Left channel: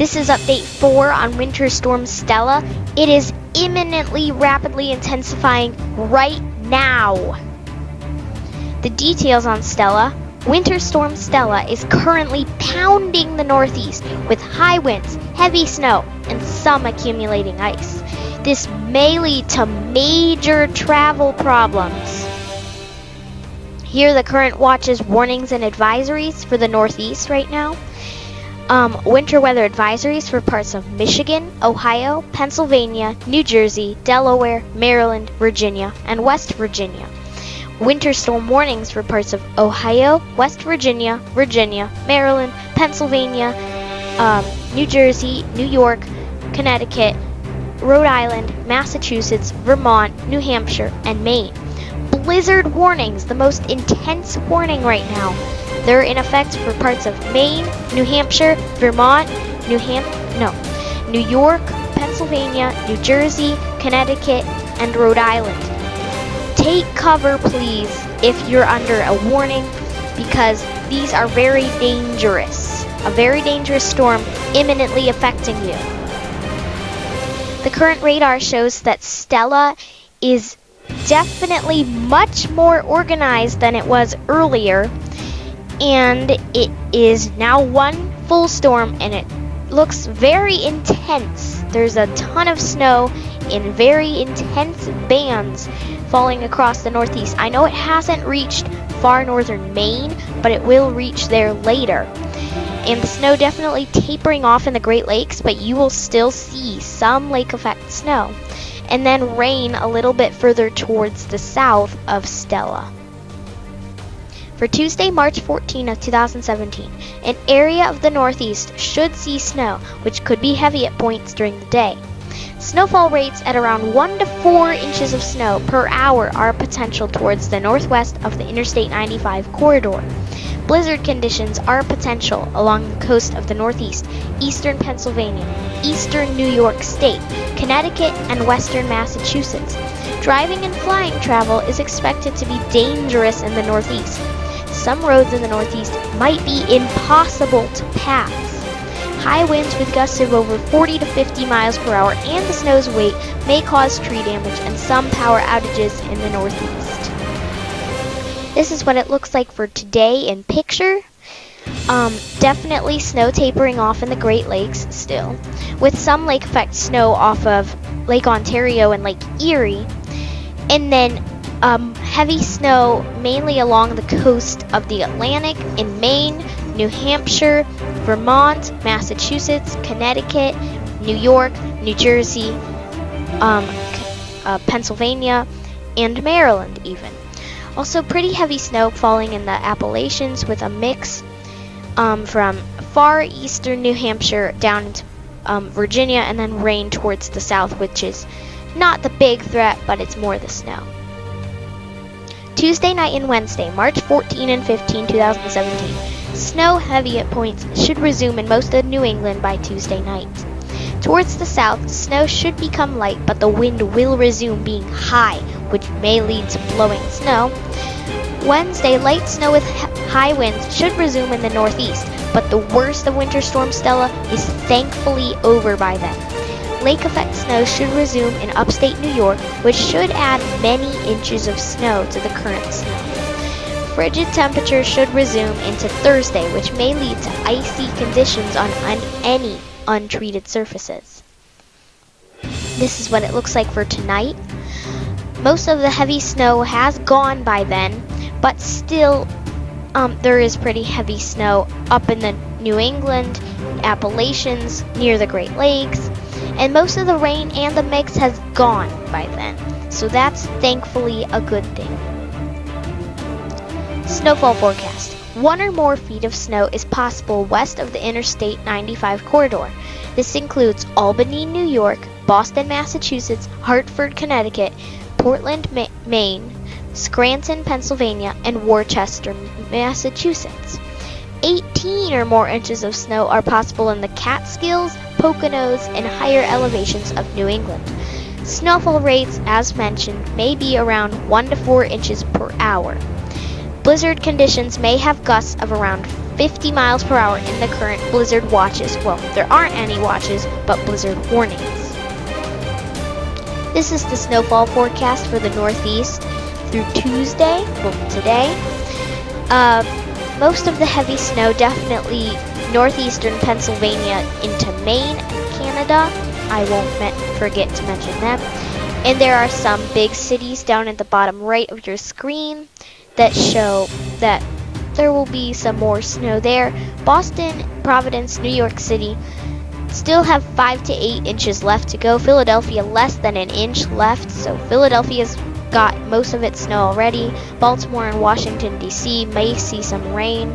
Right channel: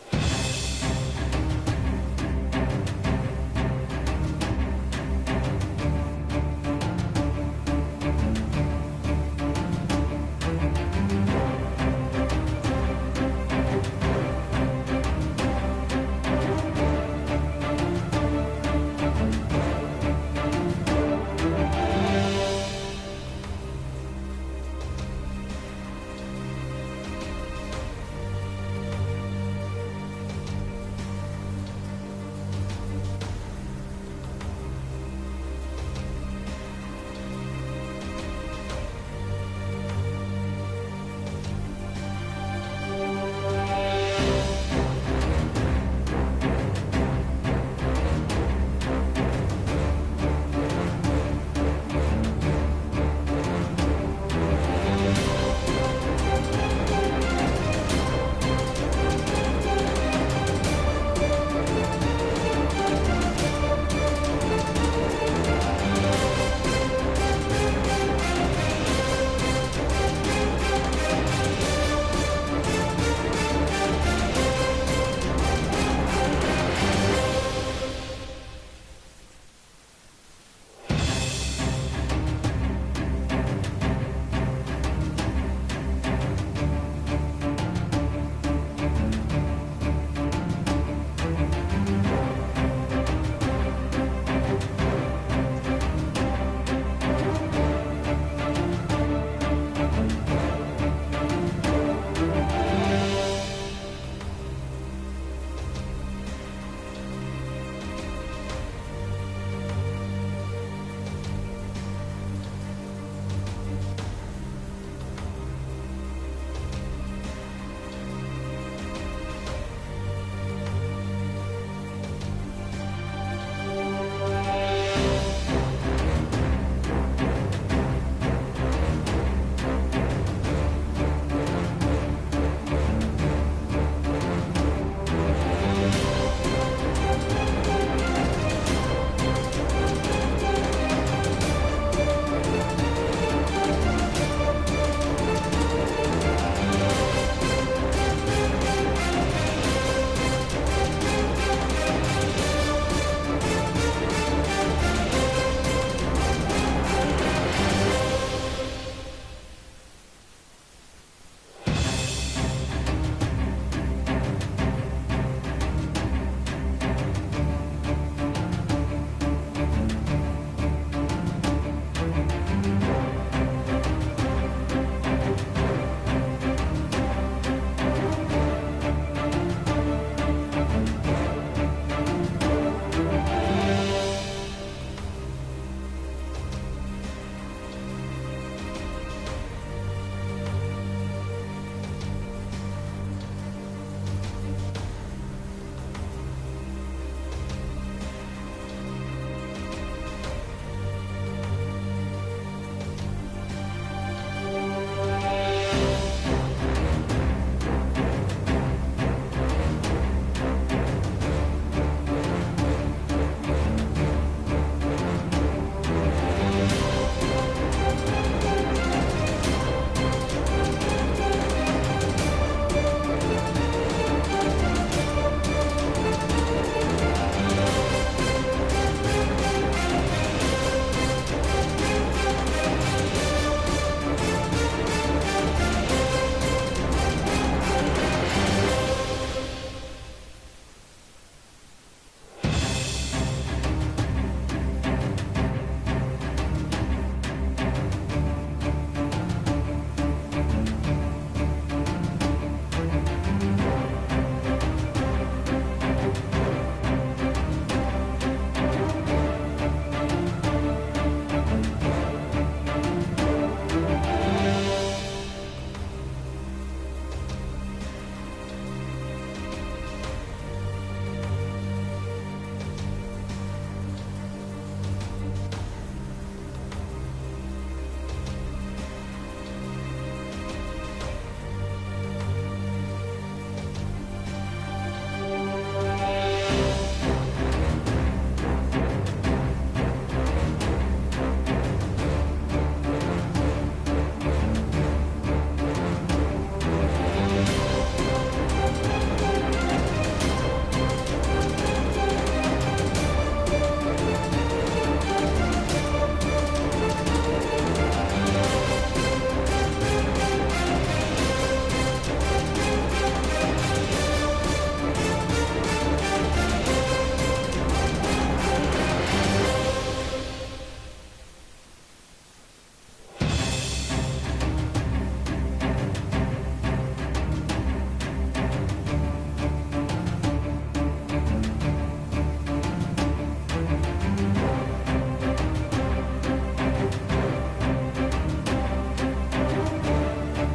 This is update 4 on Winter Storm Stella. It is imminently rapidly intensifying right now. The details on Stella. Winter Storm Stella is currently pounding the northeast with high winds, heavy snow, and some accumulating ice. This may lead to major travel problems. Here are the current watches, warnings, and advisories for the northeast right now. Winter weather advisories for parts of Michigan, Ohio, Pennsylvania, New Jersey, Delaware, Maryland, Virginia, and West Virginia. Winter storm warnings for parts of Ohio, West Virginia, Maryland, Pennsylvania, New Jersey, New York, Connecticut, Rhode Island, Massachusetts, Vermont, New Hampshire, and Maine. Blizzard warnings, the most intense warning right now. They're in effect for parts of Maine, New Hampshire, Vermont, New York, Pennsylvania, New Jersey, Connecticut, and Rhode Island. Take cover, please, if you're under a warning, because these are very dangerous. A very dangerous storm imminently affecting you. The current radar shows that Stella is definitely much more organized than it was earlier, and it is now one full storm, and it looks very intense. There's a ton of snow in very intense bands falling across the northeast. I know it hasn't reached far northern Maine, but it will reach there later. And the snow definitely tapering off in the Great Lakes, but you will still see some lake effect snow. And then rain a little bit further towards the south of Stella. For Tuesday, March 14 of 2017, an area of the northeast should see snow, which could be heavy at points during the day. Snowfall rates at around 1 to 4 inches of snow per hour are potential towards the northwest of the Interstate 95 corridor. Blizzard conditions are potential along the coast of the northeast, eastern Pennsylvania, eastern New York State, Connecticut, and western Massachusetts. Driving and flying travel is expected to be dangerous in the northeast. Some roads in the northeast might be impossible to pass. High winds with gusts of over 40 to 50 miles per hour and the snow's weight may cause tree damage and some power outages in the northeast. This is what it looks like for today in picture. Definitely snow tapering off in the Great Lakes still, with some lake effect snow off of Lake Ontario and Lake Erie, and then heavy snow mainly along the coast of the Atlantic in Maine, New Hampshire, Vermont, Massachusetts, Connecticut, New York, New Jersey, Pennsylvania, and Maryland even. Also pretty heavy snow falling in the Appalachians with a mix from far eastern New Hampshire down to Virginia, and then rain towards the south, which is not the big threat, but it's more the snow. Tuesday night and Wednesday, March 14 and 15, 2017. Snow heavy at points should resume in most of New England by Tuesday night. Towards the south, snow should become light, but the wind will resume being high, which may lead to blowing snow. Wednesday, light snow with high winds should resume in the northeast, but the worst of Winter Storm Stella is thankfully over by then. Lake effect snow should resume in upstate New York, which should add many inches of snow to the current snow. Frigid temperatures should resume into Thursday, which may lead to icy conditions on any untreated surfaces. This is what it looks like for tonight. Most of the heavy snow has gone by then, but still there is pretty heavy snow up in the New England, Appalachians, near the Great Lakes, and most of the rain and the mix has gone by then. So that's thankfully a good thing. Snowfall forecast. 1 or more feet of snow is possible west of the Interstate 95 corridor. This includes Albany, New York, Boston, Massachusetts, Hartford, Connecticut, Portland, Maine, Scranton, Pennsylvania, and Worcester, Massachusetts. 18 or more inches of snow are possible in the Catskills, Poconos, and higher elevations of New England. Snowfall rates, as mentioned, may be around 1 to 4 inches per hour. Blizzard conditions may have gusts of around 50 miles per hour in the current blizzard watches. Well, there aren't any watches, but blizzard warnings. This is the snowfall forecast for the Northeast through Tuesday, well, today. Most of the heavy snow definitely northeastern Pennsylvania into Maine, Canada. I won't forget to mention that. And there are some big cities down at the bottom right of your screen that show that there will be some more snow there. Boston, Providence, New York City still have 5 to 8 inches left to go. Philadelphia less than an inch left, so Philadelphia's got most of its snow already. Baltimore and Washington, D.C. may see some rain,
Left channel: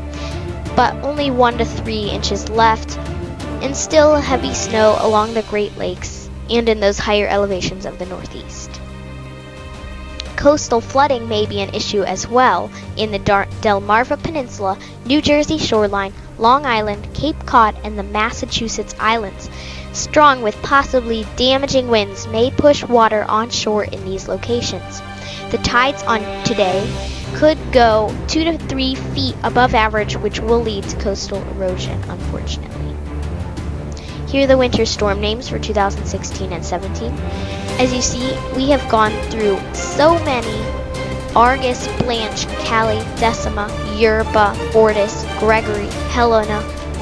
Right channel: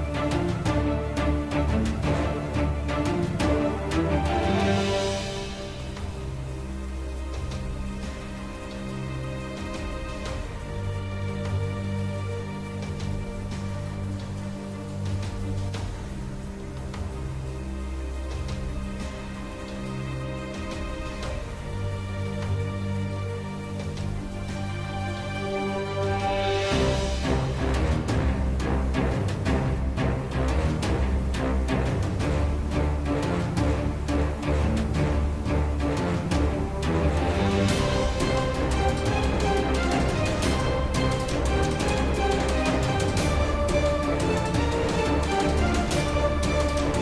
but only 1 to 3 inches left, and still heavy snow along the Great Lakes and in those higher elevations of the Northeast. Coastal flooding may be an issue as well in the Delmarva Peninsula, New Jersey shoreline, Long Island, Cape Cod, and the Massachusetts Islands. Strong with possibly damaging winds may push water onshore in these locations. The tides on today could go 2 to 3 feet above average, which will lead to coastal erosion, unfortunately. Here are the winter storm names for 2016 and 17. As you see, we have gone through so many: Argus, Blanche, Callie, Decima, Yerba, Fortis, Gregory, Helena,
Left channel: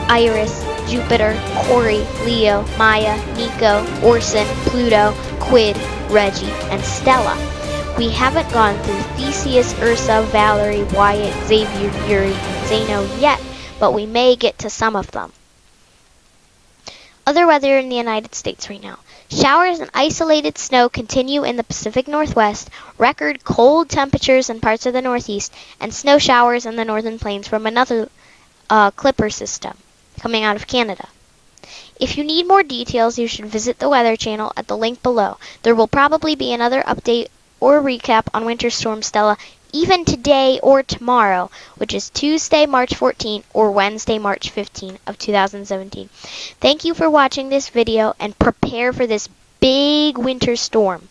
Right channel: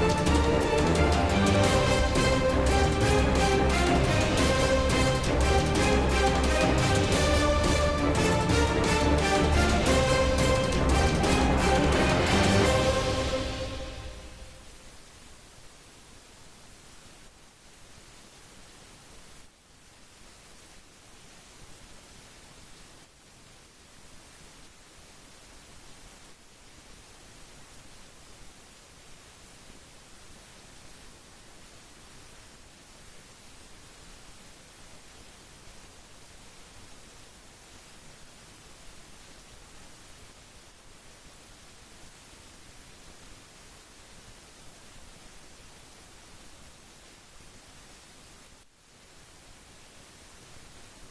Iris, Jupiter, Corey, Leo, Maya, Niko, Orson, Pluto, Quid, Reggie, and Stella. We haven't gone through Theseus, Ursa, Valerie, Wyatt, Xavier, Yuri, and Zeno yet, but we may get to some of them. Other weather in the United States right now. Showers and isolated snow continue in the Pacific Northwest, record cold temperatures in parts of the Northeast, and snow showers in the northern plains from another clipper system coming out of Canada. If you need more details, you should visit the Weather Channel at the link below. There will probably be another update or recap on Winter Storm Stella even today or tomorrow, which is Tuesday, March 14 or Wednesday, March 15 of 2017. Thank you for watching this video, and prepare for this big winter storm.